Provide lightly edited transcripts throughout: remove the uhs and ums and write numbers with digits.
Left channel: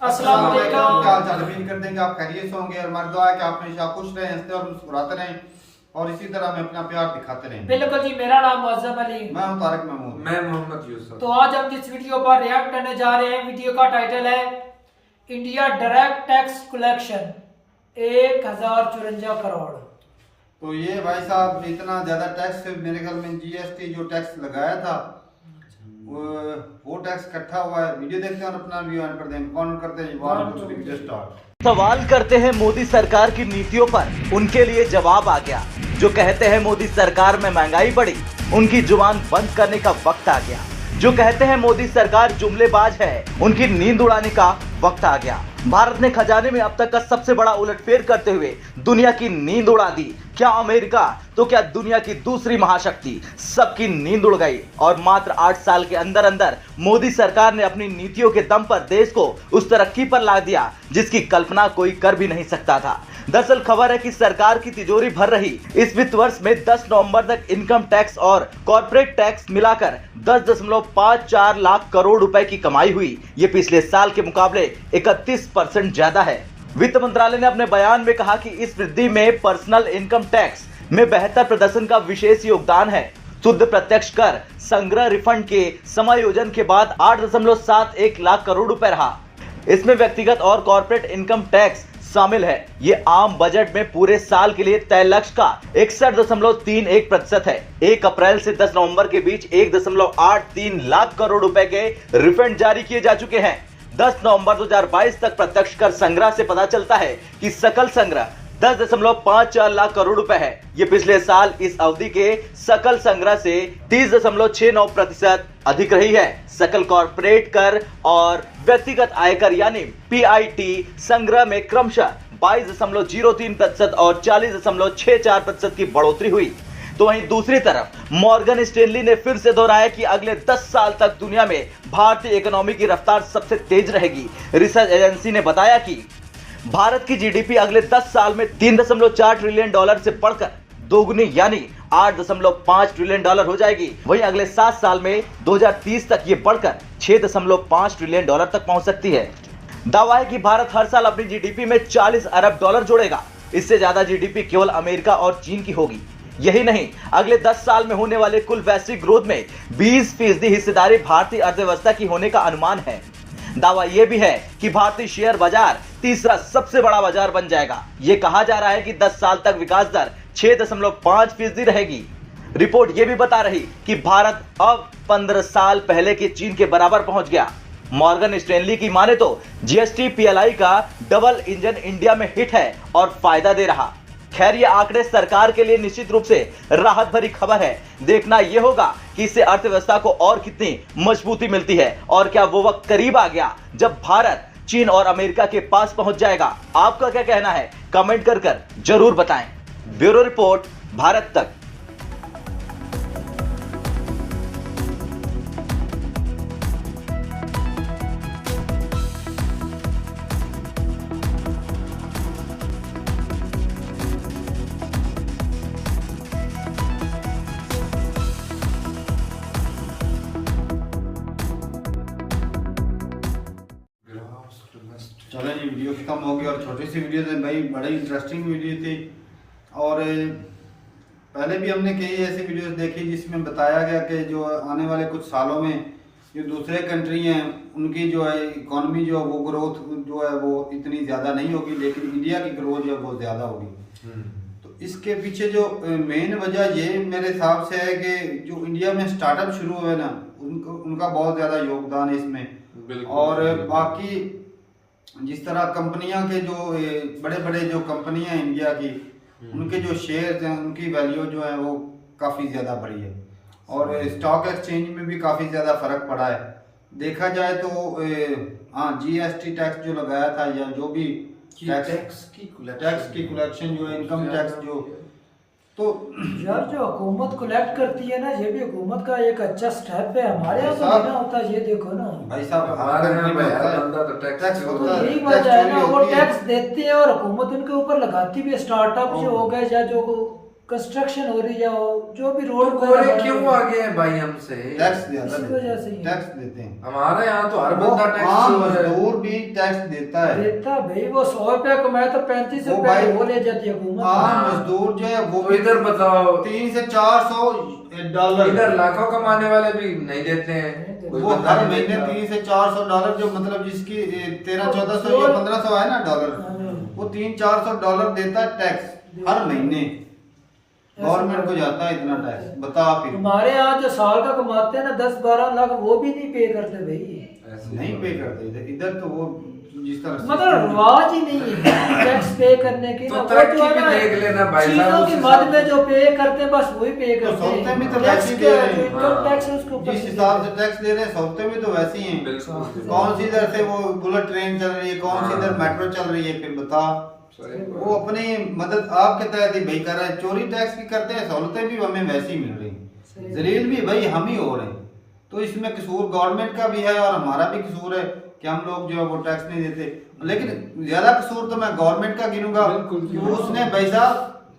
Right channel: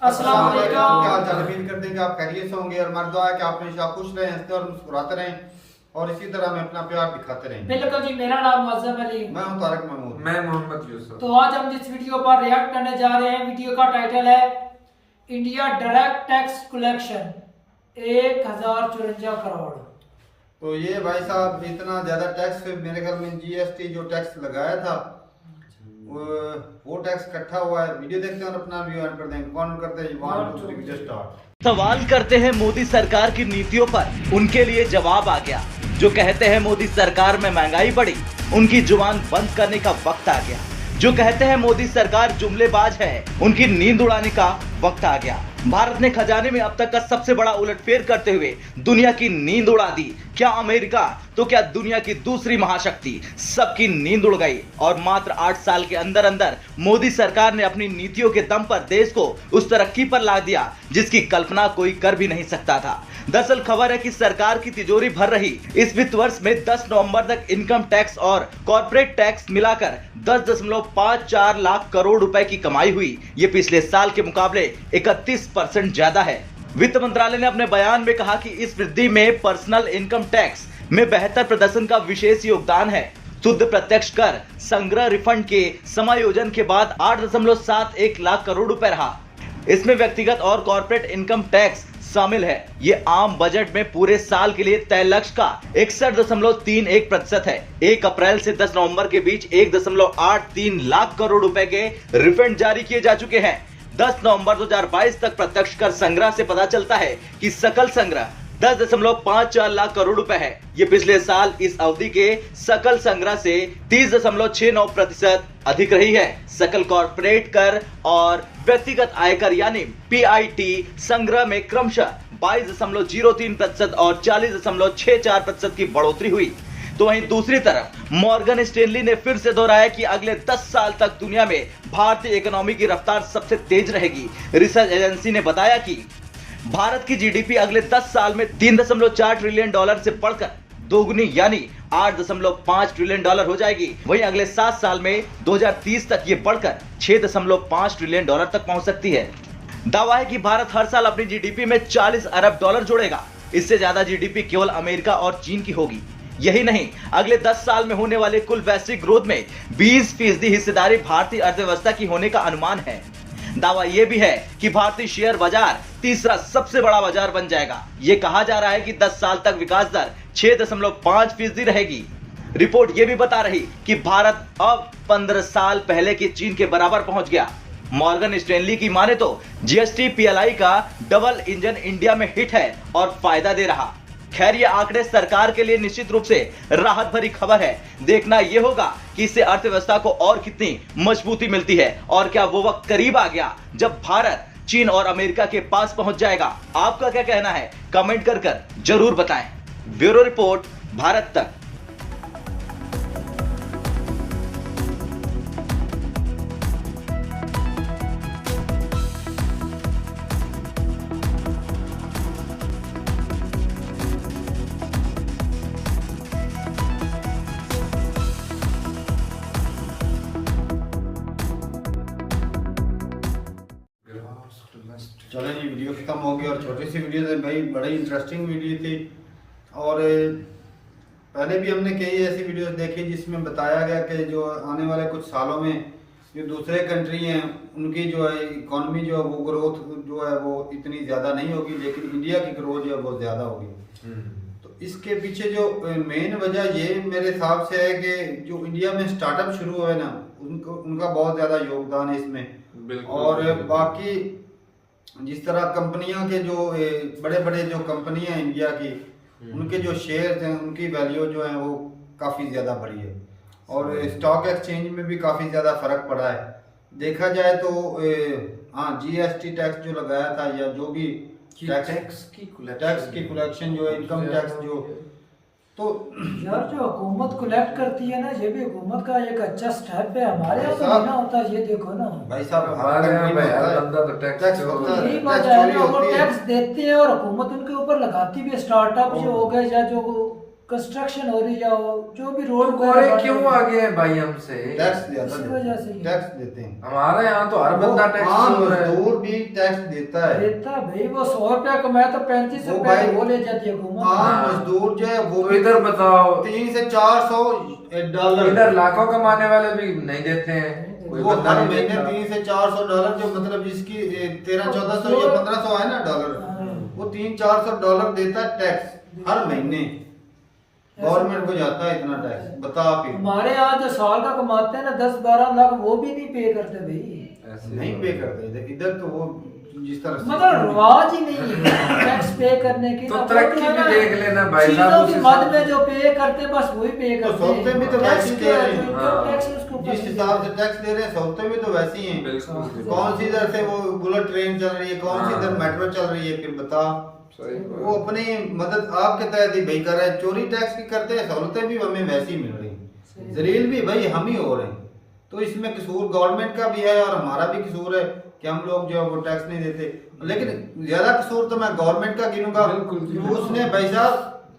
अस्सलाम वालेकुम। क्या हाल चाल? उम्मीद करते हैं कि आप खैरियत से होंगे और हमारी दुआ है कि आप हमेशा खुश रहें, हंसते और मुस्कुराते रहें और इसी तरह हमें अपना प्यार दिखाते रहें। बिल्कुल जी, मेरा नाम मुअज्जम अली। मैं हूं तारिक महमूद। मैं मोहम्मद यूसुफ। तो आज हम जिस वीडियो पर रिएक्ट करने जा रहे हैं, वीडियो का टाइटल है India direct tax collection 1054 crore. तो ये भाई साहब इतना ज्यादा टैक्स, मेरे ख्याल में जीएसटी जो टैक्स लगाया था वो टैक्स इकट्ठा हुआ है। वीडियो देखते हैं और अपना रिव्यू एंड पर देंगे। कौन करते हैं? 1 2 3 वीडियो स्टार्ट। सवाल करते हैं मोदी सरकार की नीतियों पर, उनके लिए जवाब आ गया। जो कहते हैं मोदी सरकार में महंगाई बढ़ी, उनकी जुबान बंद करने का वक्त आ गया। जो कहते हैं मोदी सरकार जुमलेबाज है, उनकी नींद उड़ाने का वक्त आ गया। भारत ने खजाने में अब तक का सबसे बड़ा उलटफेर करते हुए दुनिया की नींद उड़ा दी। क्या अमेरिका तो क्या दुनिया की दूसरी महाशक्ति, सबकी नींद उड़ गई और मात्र 8 साल के अंदर अंदर मोदी सरकार ने अपनी नीतियों के दम पर देश को उस तरक्की पर ला दिया जिसकी कल्पना कोई कर भी नहीं सकता था। दरअसल खबर है कि सरकार की तिजोरी भर रही इस वित्त वर्ष में 10 नवंबर तक इनकम टैक्स और कॉर्पोरेट टैक्स मिलाकर 10.54 लाख करोड़ रुपए की कमाई हुई। ये पिछले साल के मुकाबले 31% ज्यादा है। वित्त मंत्रालय ने अपने बयान में कहा कि इस वृद्धि में पर्सनल इनकम टैक्स में बेहतर प्रदर्शन का विशेष योगदान है। शुद्ध प्रत्यक्ष कर संग्रह रिफंड के समायोजन के बाद 8.71 लाख करोड़ रुपए रहा। इसमें व्यक्तिगत और कॉर्पोरेट इनकम टैक्स शामिल है। ये आम बजट में पूरे साल के लिए तय लक्ष्य का 61.31% है। 1 अप्रैल से 10 नवंबर के बीच 1.83 लाख करोड़ रुपए के रिफंड जारी किए जा चुके हैं। 10 नवंबर 2022 तक प्रत्यक्ष कर संग्रह से पता चलता है कि सकल संग्रह 10.54 लाख करोड़ रुपए है। ये पिछले साल इस अवधि के सकल संग्रह से 30.69% अधिक रही है। सकल कॉर्पोरेट कर और व्यक्तिगत आयकर यानी पीआईटी संग्रह में क्रमशः 22.03% और 40.64% की बढ़ोतरी हुई। तो वहीं दूसरी तरफ मॉर्गन स्टैनली ने फिर से दोहराया कि अगले 10 साल तक दुनिया में भारतीय इकोनॉमी की रफ्तार सबसे तेज रहेगी। रिसर्च एजेंसी ने बताया कि भारत की जीडीपी अगले 10 साल में 3.4 ट्रिलियन डॉलर से बढ़कर दोगुनी यानी 8.5 ट्रिलियन डॉलर हो जाएगी। वहीं अगले 7 साल में 2030 तक ये बढ़कर 6.5 ट्रिलियन डॉलर तक पहुंच सकती है। दावा है कि भारत हर साल अपनी जीडीपी में 40 अरब डॉलर जोड़ेगा। इससे ज्यादा जीडीपी केवल अमेरिका और चीन की होगी। यही नहीं, अगले 10 साल में होने वाले कुल वैश्विक ग्रोथ में 20% हिस्सेदारी भारतीय अर्थव्यवस्था की होने का अनुमान है। दावा यह भी है कि भारतीय शेयर बाजार तीसरा सबसे बड़ा बाजार बन जाएगा। ये कहा जा रहा है कि 10 साल तक विकास दर 6.5% रहेगी। रिपोर्ट ये भी बता रही कि भारत अब 15 साल पहले के चीन के बराबर पहुंच गया। मॉर्गन स्टैनली की माने तो जीएसटी पीएलआई का डबल इंजन इंडिया में हिट है और फायदा दे रहा। खैर, ये आंकड़े सरकार के लिए निश्चित रूप से राहत भरी खबर है। देखना यह होगा कि इससे अर्थव्यवस्था को और कितनी मजबूती मिलती है और क्या वो वक्त करीब आ गया जब भारत चीन और अमेरिका के पास पहुंच जाएगा। आपका क्या कहना है? कमेंट कर जरूर बताएं। ब्यूरो रिपोर्ट, भारत तक। चलो जी, वीडियो खत्म हो गई और छोटी सी वीडियो थी भाई, बड़ी इंटरेस्टिंग वीडियो थी। और पहले भी हमने कई ऐसी वीडियोस देखी जिसमें बताया गया कि जो आने वाले कुछ सालों में जो दूसरे कंट्री हैं उनकी जो है इकोनॉमी जो वो ग्रोथ जो है वो इतनी ज़्यादा नहीं होगी, लेकिन इंडिया की ग्रोथ जो है वो ज़्यादा होगी। तो इसके पीछे जो मेन वजह ये मेरे हिसाब से है कि जो इंडिया में स्टार्टअप शुरू हुए ना, उनका बहुत ज़्यादा योगदान है इसमें। और बाकी जिस तरह कंपनियां के जो बड़े बड़े जो कंपनियां हैं इंडिया की, उनके जो शेयर्स हैं उनकी वैल्यू जो है वो काफ़ी ज़्यादा बढ़ी है और स्टॉक एक्सचेंज में भी काफ़ी ज़्यादा फ़र्क पड़ा है। देखा जाए तो हाँ, जीएसटी टैक्स जो लगाया था या जो भी टैक्स की कलेक्शन जो है, इनकम टैक्स जो, तो यार जो हुकूमत कलेक्ट करती है ना, ये भी हुकूमत का एक अच्छा स्टेप है। हमारे यहाँ तो देना होता है, ये देखो ना भाई साहब, हमारे यहाँ पे हर बंदा तो टैक्स होता है, यही टैक्स वजह है चोरी ना, वो होती है। टैक्स देती है और हुकूमत उनके ऊपर लगाती भी है। स्टार्टअप जो हो गए या जो कंस्ट्रक्शन हो रही जाओ, जो भी रोड कोरे क्यों आगे हैं भाई हमसे? टैक्स ज्यादा इस वजह से ही। टैक्स देते हैं। हमारे यहाँ तो हर वो बंदा टैक्स आम हो रहा है। मजदूर भी टैक्स देता है। देता भाई, वो 100 रुपया कमाया तो 35 वो रुपया भाई वो ले जाती है हुकूमत। आम मजदूर जो है वो तो भी इधर बताओ, 300 से 400 डॉलर, इधर लाखों कमाने वाले भी नहीं देते हैं। कोई वो बंदा हर नहीं महीने देता। 300 से 400 डॉलर, जो मतलब जिसकी 1300-1400 या 1500 है ना डॉलर, वो 300-400 डॉलर देता है टैक्स हर महीने। गवर्नमेंट को जाता है इतना टैक्स, बता आप ही। हमारे यहाँ जो साल का कमाते हैं ना 10-12 लाख, वो भी नहीं पे करते भाई। ऐसे नहीं पे करते इधर, इधर तो वो जिस तरह से मतलब रिवाज ही नहीं है टैक्स पे करने की। तो ना वो तरक्की है भी ना, देख लेना भाई साहब, चीजों उस की हिसाब मद में से। जो पे करते हैं बस वही पे करते हैं। सहूलतें भी तो टैक्स वैसी दे रहे हैं। जो इनकम टैक्स है उसके ऊपर जिस हिसाब से टैक्स दे रहे हैं, सहूलतें भी तो वैसी हैं। बिल्कुल। कौन सी इधर से वो बुलेट ट्रेन चल रही है, कौन सी इधर मेट्रो चल रही है, फिर बता। सही बात। वो अपनी मदद आपके तहत ही भाई कर रहे हैं। चोरी टैक्स की करते हैं, सहूलतें भी हमें वैसी मिल रही हैं, जलील भी भाई हम ही हो रहे हैं। तो इसमें कसूर गवर्नमेंट का भी है और हमारा भी कसूर है कि हम लोग जो है वो टैक्स नहीं देते। लेकिन ज्यादा कसूर तो मैं गवर्नमेंट का गिनूंगा बिल्कुल, कि उसने भाई साहब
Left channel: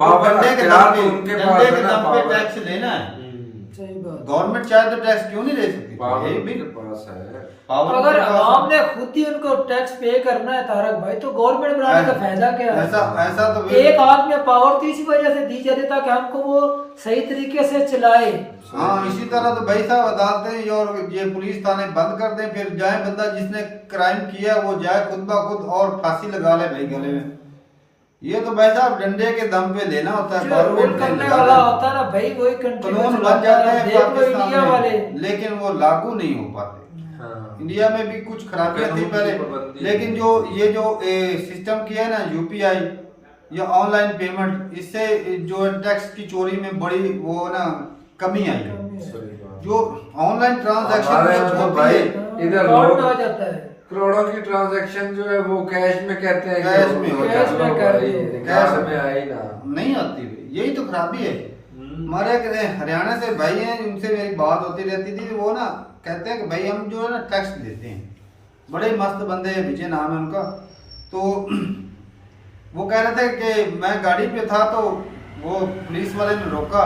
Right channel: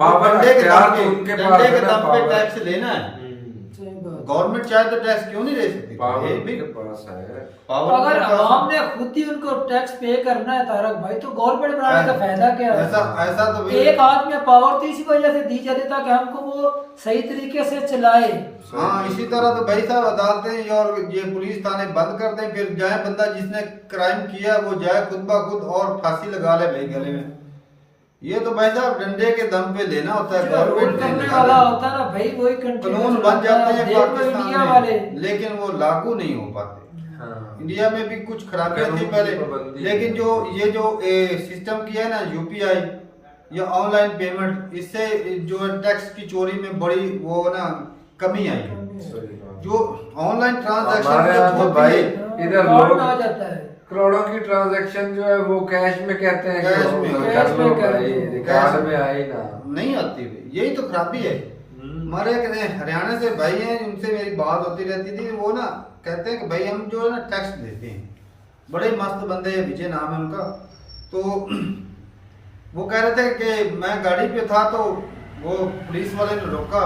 पावर डंडे के अख्तियार दम तो पे उनके डंडे पास के है ना, दम पे पावर। टैक्स लेना है। सही बात। गवर्नमेंट चाहे तो टैक्स क्यों नहीं ले सकती? पावर ये भी के पास है। पावर अगर उनके पास है। आवाम ने खुद ही उनको टैक्स पे करना है तारक भाई, तो गवर्नमेंट बनाने का फायदा क्या है? ऐसा तो भाई एक हाथ में पावर तो इसी वजह से दी जाती है ताकि हमको वो सही तरीके से चलाए। हाँ, इसी तरह तो भाई साहब अदालतें और ये पुलिस थाने बंद कर दें, फिर जाए बंदा जिसने क्राइम किया वो जाए खुद ब खुद और फांसी लगा ले भाई गले में। ये तो भाई साहब डंडे के दम पे लेना होता है, जो रोल गवर्नमेंट ने करने लगा वाला देना। होता है ना भाई, वही कंट्री कानून बन जाते हैं देख लो पाकिस्तान इंडिया वाले। में, लेकिन वो लागू नहीं हो पाते। हाँ। इंडिया में भी कुछ खराबियां थी कानून की पहले, पाबंदी लेकिन जो ये जो सिस्टम किया है ना यूपीआई या ऑनलाइन पेमेंट, इससे जो है टैक्स की चोरी में बड़ी वो ना कमी आई है। सही बात। जो ऑनलाइन हमारे ट्रांजैक्शन यहाँ तो होती भाई है, इधर फ्रॉड लोग में आ जाता है। करोड़ों की ट्रांजैक्शन जो है वो कैश में कहते हैं कि कैश में, वो कैश कर लो में कर भाई, दो। कैश में आए ना। नहीं आती भाई, यही तो खराबी है। हमारे एक हरियाणा से भाई हैं, उनसे मेरी बात होती रहती थी। वो ना कहते हैं कि भाई हम जो है ना टैक्स देते हैं, बड़े मस्त बंदे हैं, विजय नाम है उनका। तो वो कह रहे थे कि मैं गाड़ी पे था तो वो पुलिस वाले ने रोका,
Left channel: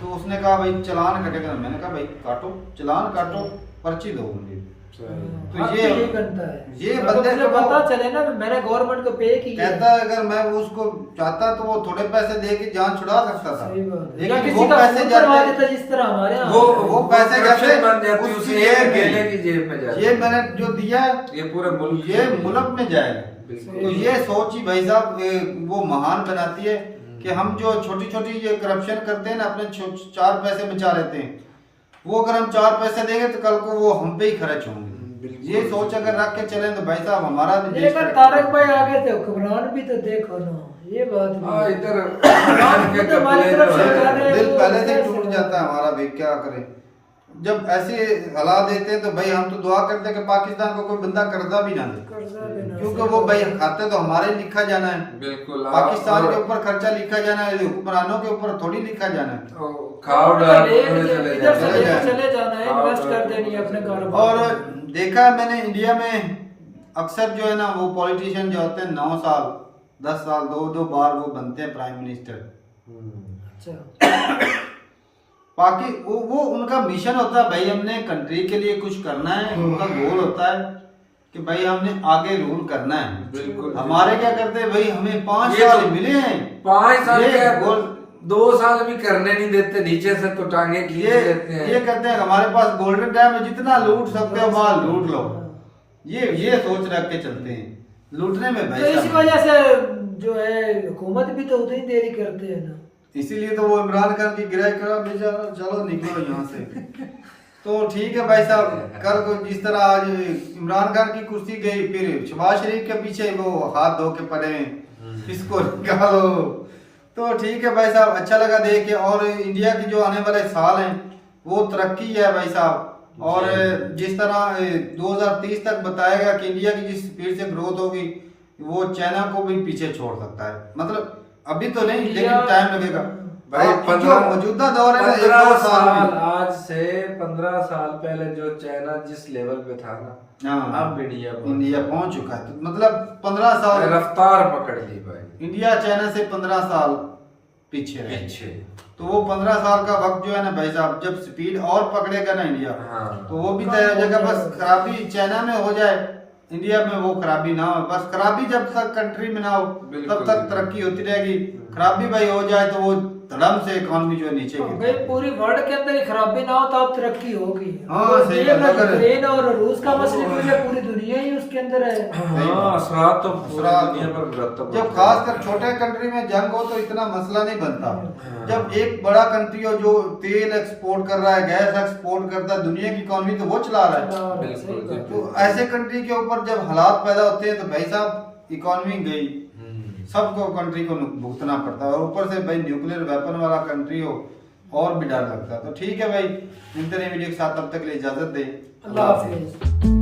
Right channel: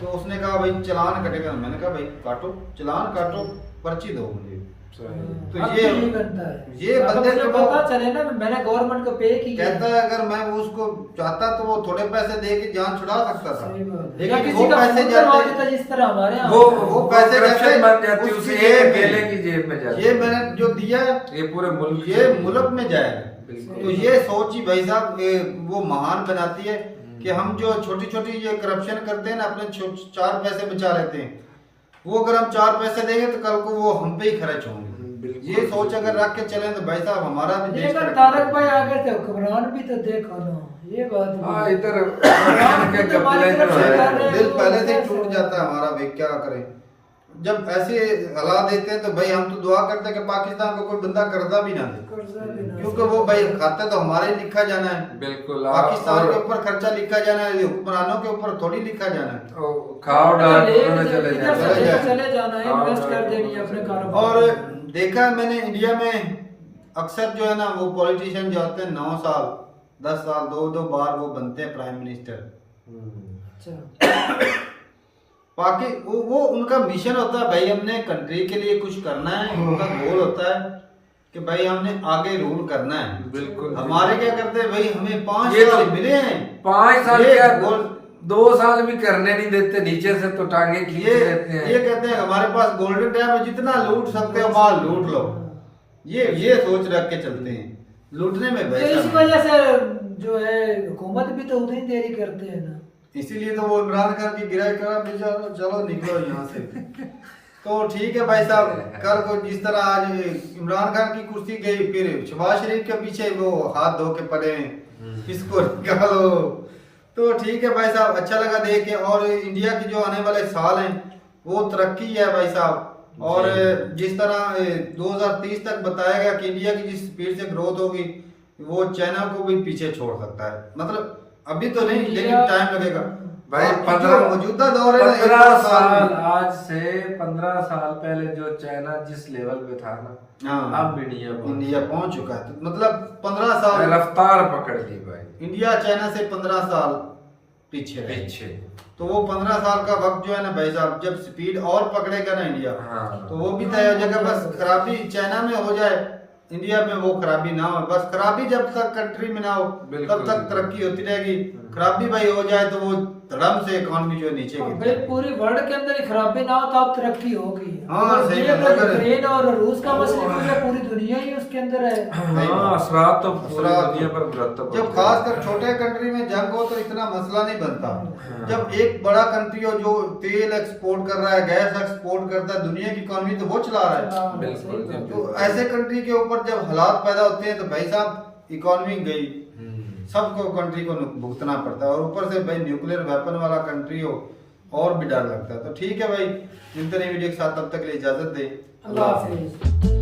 तो उसने कहा भाई चालान कटेगा। मैंने कहा भाई काटो, चालान काटो, पर्ची दो मुझे। तो अब ये यही बनता है। ये अगर बंदे मुझे को पता चले ना मैंने गवर्नमेंट को पे किया, कहता है अगर मैं वो उसको चाहता तो वो थोड़े पैसे दे के जान छुड़ा सकता था, सही बात है। या लेकिन किसी वो का पैसे फोन करवा जाते देता जिस तरह हमारे यहाँ वो पैसे Corruption बन जाते जाती है, उसकी उसी जेब देने की में। जेब में जाती ये है। मैंने जो दिया ये पूरे मुल्क ये मुल्क में जाएगा। बिल्कुल। तो ये सोच ही भाई साहब वो महान बनाती है कि हम जो छोटी छोटी ये करप्शन करते हैं ना, अपने 4 पैसे बचा लेते हैं, वो अगर हम 4 पैसे देंगे तो कल को वो हम पे ही खर्च होंगे। बिल्कुल। ये सोच अगर रख के चले तो भाई साहब हमारा भी देश देखो तरक्की तारक करेगा। भाई आगे थे, हुक्मरान भी तो देखो ना, ये बात भी हाँ, है। इधर खुद हमारी तरफ से कर रहे हैं, दिल वो पहले से ही कैसे? टूट जाता है हमारा भाई, क्या करें। जब ऐसे हालात देते हैं तो भाई हम तो दुआ करते हैं कि पाकिस्तान को कोई बंदा कर्जा भी ना दे, कर्जा देना, क्योंकि वो भाई खाते तो हमारे ही लिखा जाना है। बिल्कुल। पाकिस्तान के ऊपर खर्चा लिखा जाना है, हुक्मरानों के ऊपर थोड़ी लिखा जाना है। खाओ डाल एक उन्होंने चले इधर से चले जाए। जाए। चले जाना है, इन्वेस्ट कर देनी है अपने कारोबार और में। देखा है मैंने इंडिया में अक्सर जो है ना वो पॉलिटिशियन जो होते हैं 9 साल 10 साल 2 बार वो बनते हैं प्राइम मिनिस्टर। अच्छा, बाकी वो उनका मिशन होता है भाई हमने कंट्री के लिए कुछ करना है, उनका गोल होता है कि भाई हमने आगे रूल करना है। बिल्कुल। हमारे क्या करते हैं भाई, हमें 5 ये साल तो मिले हैं, 5 साल ये क्या गोल 2 साल भी करने नहीं देते, नीचे से तो टांगे खींच ये लेते हैं। ये कहते हैं हमारे पास गोल्डन टाइम है, जितना लूट सकते हो माल लूट लो। ये सोच रख के चलते हैं लूटने में भाई तो इसी साहब। वजह से जो है हुकूमत भी तो उतनी देरी करते हैं ना। इसीलिए तो वो इमरान खान की गिराई करा बेचारा, चलो निकलो यहाँ से। तो ठीक है भाई साहब, कल को जिस तरह आज इमरान खान की कुर्सी गई, फिर शहबाज शरीफ के पीछे वो हाथ धो के पड़े हैं, इसको निकालो। तो ठीक है भाई साहब, अच्छा लगा देख के। और इंडिया की जो आने वाले साल हैं वो तरक्की है भाई साहब। और जिस तरह 2030 तक बताया गया कि इंडिया की जिस स्पीड से ग्रोथ होगी वो चाइना को भी पीछे छोड़ सकता है। मतलब अभी तो नहीं, लेकिन टाइम लगेगा भाई। जो मौजूदा दौर है ना 15 1-2 साल में, आज से 15 साल पहले जो चाइना जिस लेवल पे था ना, हाँ, अब इंडिया पहुंच चुका है। तो मतलब 15 साल रफ्तार पकड़ दी भाई। इंडिया चाइना से 15 साल पीछे रहे। पीछे। तो वो 15 साल का वक्त जो है ना भाई साहब, जब स्पीड और पकड़ेगा ना इंडिया, हाँ। तो वो भी तय हो जाएगा। बस खराबी चाइना में हो जाए, इंडिया में वो खराबी ना हो। बस खराबी जब तक कंट्री में ना हो तब तक तरक्की होती रहेगी। खराबी भाई हो जाए तो वो धड़म से इकोनॉमी जो है नीचे गिर भाई पूरी वर्ल्ड के अंदर ही खराबी ना हो तब तरक्की होगी। हाँ, सही बात है। अगर यूक्रेन और रूस का मसला हो जाए, पूरी दुनिया ही उसके अंदर है। हाँ, असरात तो पूरी असरात दुनिया पर मुरतब जब होते हैं। खासकर छोटे कंट्री में जंग हो तो इतना मसला नहीं बनता। जब एक बड़ा कंट्री हो जो तेल एक्सपोर्ट कर रहा है, गैस एक्सपोर्ट करता है, दुनिया की इकोनॉमी तो वो चला रहा है। बिल्कुल, तो ऐसे कंट्री के ऊपर जब हालात पैदा होते हैं तो भाई साहब इकोनॉमी गई, सबको कंट्री को भुगतना पड़ता है। और ऊपर से भाई न्यूक्लियर वेपन वाला कंट्री हो और भी डर लगता है। तो ठीक है भाई, मिलते रहे वीडियो के साथ, तब तक के लिए इजाजत दे। अल्लाह हाफिज।